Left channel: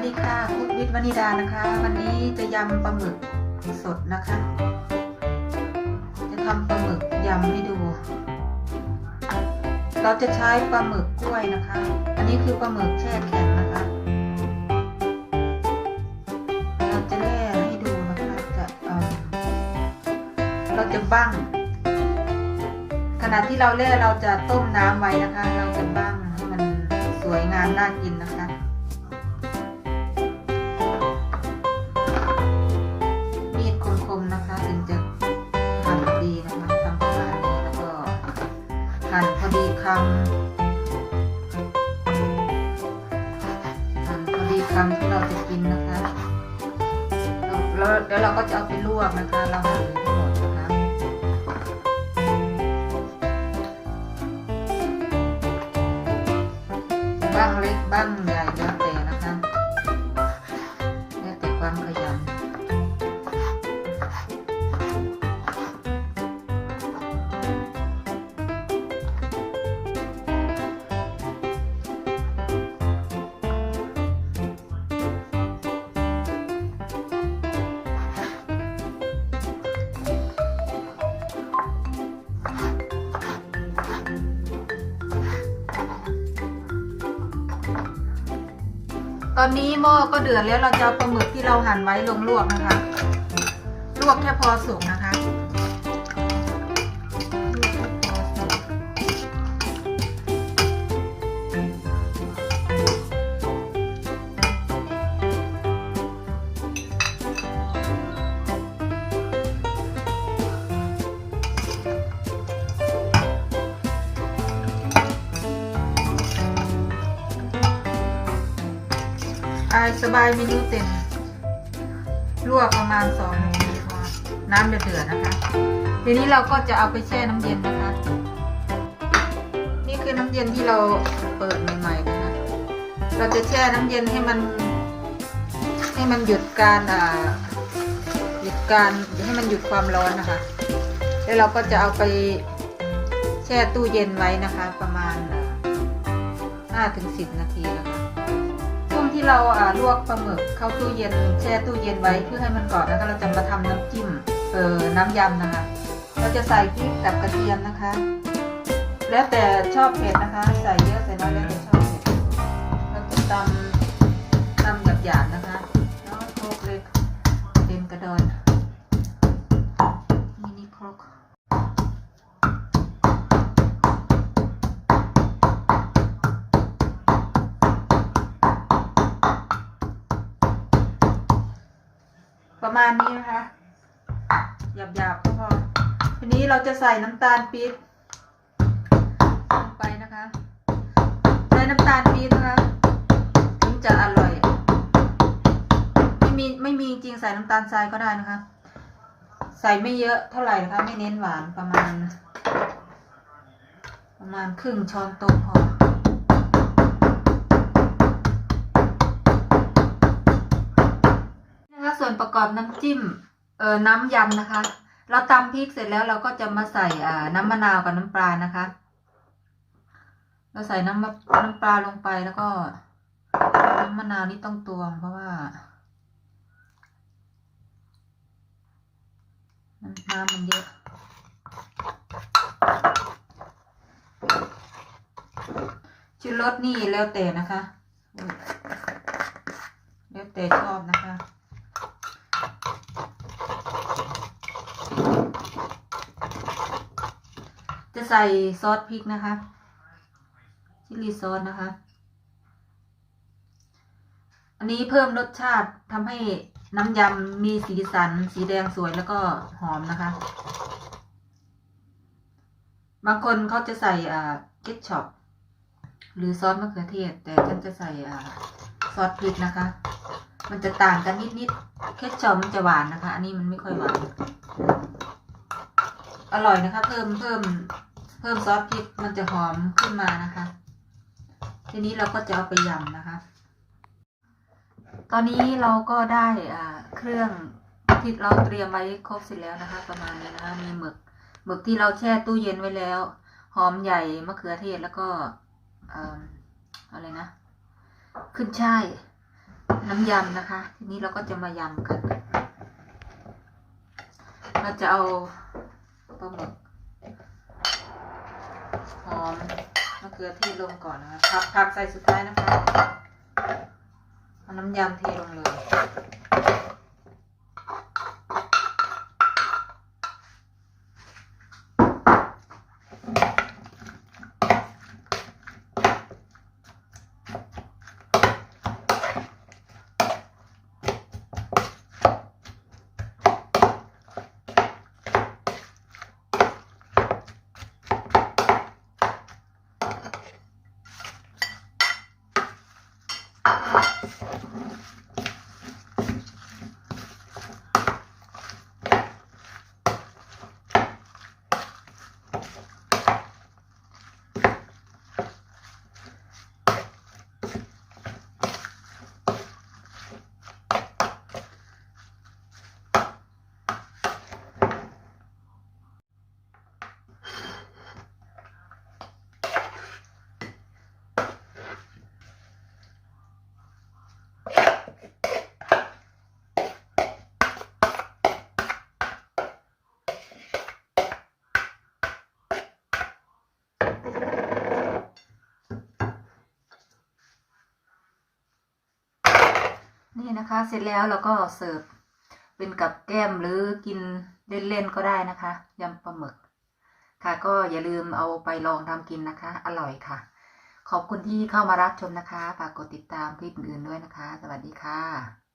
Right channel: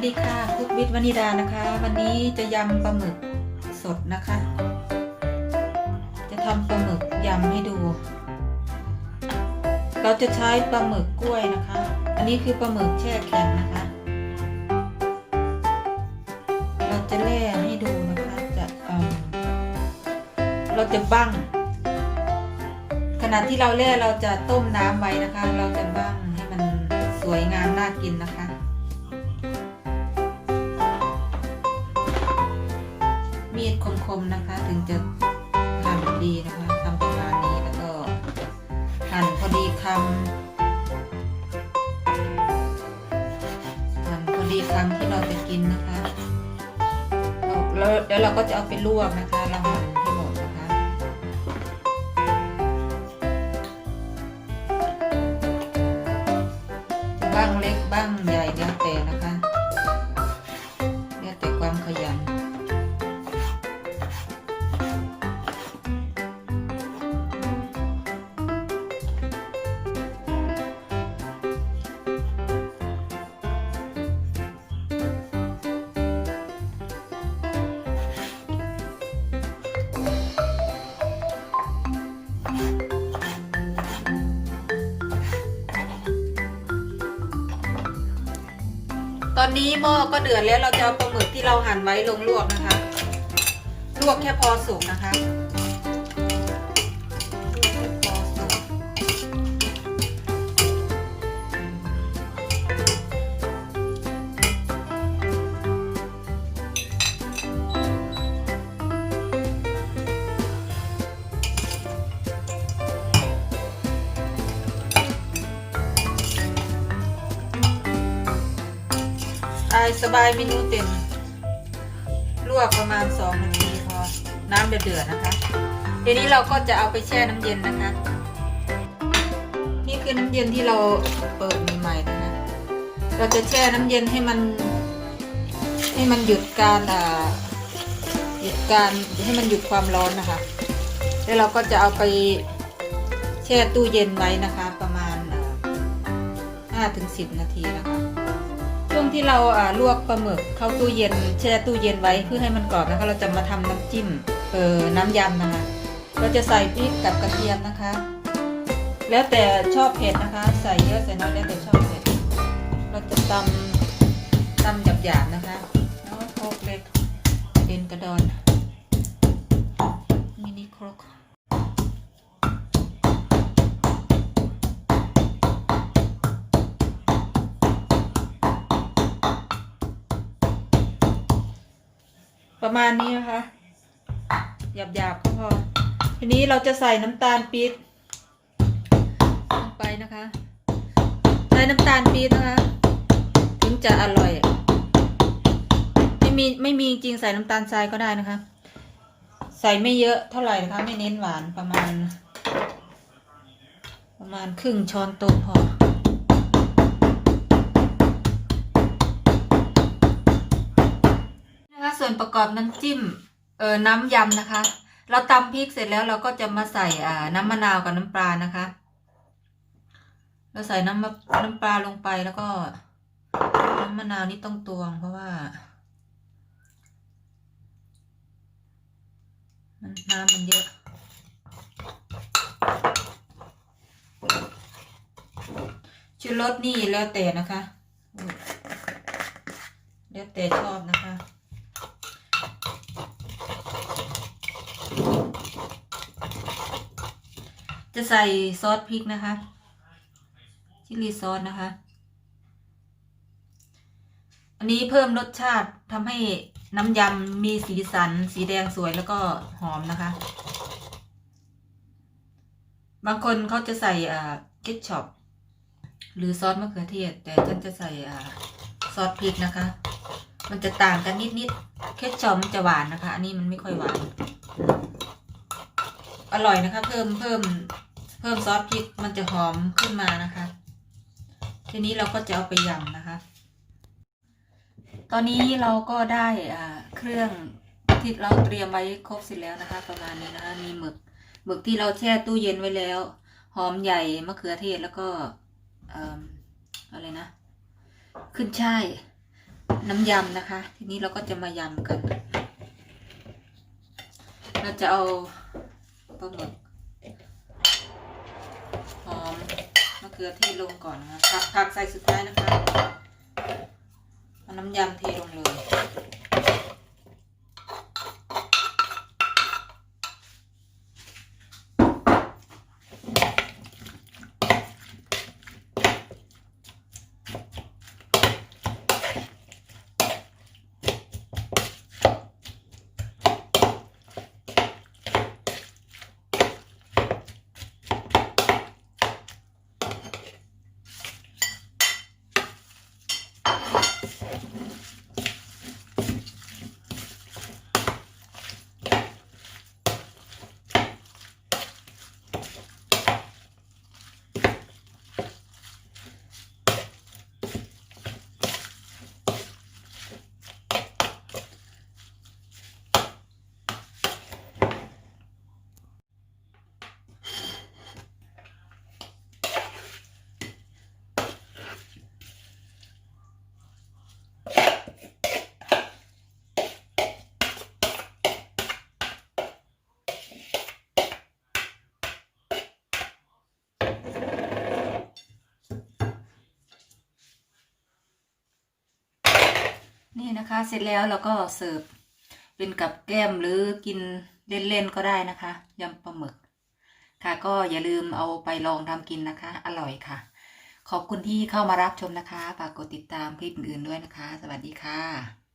วัสดีค่ะคุกวิทย์วนิดานะคะ วันนี้จะยำปลาหมึกสดนะคะ จะทำปลาหมึกยำให้ดู เราจะใช้ปลาหมึกกล้วยนะคะ อันนี้คือปลาหมึกแช่แข็งนะคะ เราจะแล่ให้ดูนะคะจะเเราจะบั้งขณะที่เราแล่เราจะต้มน้ำไว้นะคะ เราจะบั้งให้มันสวยงามน่ากินนะคะ คมนะคะ ถึงจะหั่นดีนะคะทำประมาณนี้แล้วก็หั่นพอดีคำหั่นพอดีคำที่เราจะกินนะคะแล้วแล้วเดี๋ยวเราก็จะเอาไปลวกนะคะ เราหั่นให้หมดนะคะบ้างเล็กบ้างใหญ่แล้วแต่นะคะ ตอนนี้หม้อก็เดือดแล้วเราจะเอาปลาหมึกที่เราหั่นไว้ลงลวกนะคะ ลวกแค่พอสุกนะคะ สบายเมนูเต็มลวกประมาณ2นาทีพอน้ำเดือดๆนะคะทีนี้เราก็จะเอาไปแช่น้ำเย็นนะคะ นี่คือน้ำเย็นที่เราเปิดใหม่ๆนะคะ เราจะแช่น้ำเย็นให้มัน ให้มันหยุดการอ่าหยุดการให้มันหยุดความร้อนนะคะ แล้วเราก็จะเอาไปแช่ตู้เย็นไว้นะคะ ประมาณห้าถึงสิบนาทีนะคะ ที่เราลวกปลาหมึกเข้าตู้เย็นแช่ตู้เย็นไว้เพื่อให้มันกรอบนะคะเราจะมาทำน้ำจิ้มเออน้ำยำนะคะ เราจะใส่พริกกับกระเทียมนะคะ แล้วแต่ชอบเผ็ดนะคะ ใส่เยอะใส่น้อยแล้วแต่ ประมาณนี้นะคะหยาบๆก็พอ ทีนี้เราจะใส่น้ำตาลปี๊บลงไปนะคะ ใช้น้ำตาลปี๊บนะคะ ถึงจะอร่อย ไม่มีไม่มีจริงใส่น้ำตาลทรายก็ได้นะคะ ใส่ไม่เยอะเท่าไหร่นะคะ ไม่เน้นหวานประมาณ ประมาณครึ่งช้อนโต๊ะพอ ส่วนประกอบน้ำจิ้ม เอ่อน้ำยำนะคะ เราตำพริกเสร็จแล้วเราก็จะมาใส่อ่าน้ำมะนาวกับน้ำปลานะคะ เราใส่น้ำน้ำปลาลงไปแล้วก็ น้ำมะนาวนี่ต้องตวงเพราะว่า น้ำมันเยอะชุดรสนี่แล้วแต่นะคะ แล้วแต่ชอบนะคะ จะใส่ซอสพริกนะคะชิลลีซอสนะคะ อันนี้เพิ่มรสชาติทำให้น้ำยำมีสีสัน สีแดงสวยแล้วก็หอมนะคะ บางคนเขาจะใส่อ่าเกทช็อปหรือซอสมะเขือเทศ แต่ฉันจะใส่อ่าซอสพริกนะคะ มันจะต่างกันนิดๆเคทช็อปมันจะหวานนะคะ อันนี้มันไม่ค่อยหวาน อร่อยนะคะ เพิ่มเพิ่ม เพิ่มซอสพริกมันจะหอมขึ้นมานะคะ ทีนี้เราก็จะเอาไปยำนะคะ ตอนนี้เราก็ได้เครื่องที่เราเตรียมไว้ครบเสร็จแล้วนะคะ ประมาณนี้นะคะมีหมึกหมึกที่เราแช่ตู้เย็นไว้แล้ว หอมใหญ่มะเขือเทศแล้วก็อะไรนะ ขึ้นช่ายน้ำยำนะคะ ทีนี้เราก็จะมายำกัน เราจะเอาปลาหมึก อมมะเขือเทศลงก่อนนะคะผักผักใส่สุดท้ายนะคะเอาน้ำยำเทลงเลย นะคะ เสร็จแล้วเราก็เสิร์ฟเป็นกับแก้มหรือกินเล่นๆก็ได้นะคะยำปลาหมึก ค่ะก็อย่าลืมเอาไปลองทำกินนะคะ อร่อยค่ะ ขอบคุณที่เข้ามารับชมนะคะฝากกดติดตามคลิปอื่นๆด้วยนะคะ สวัสดีค่ะ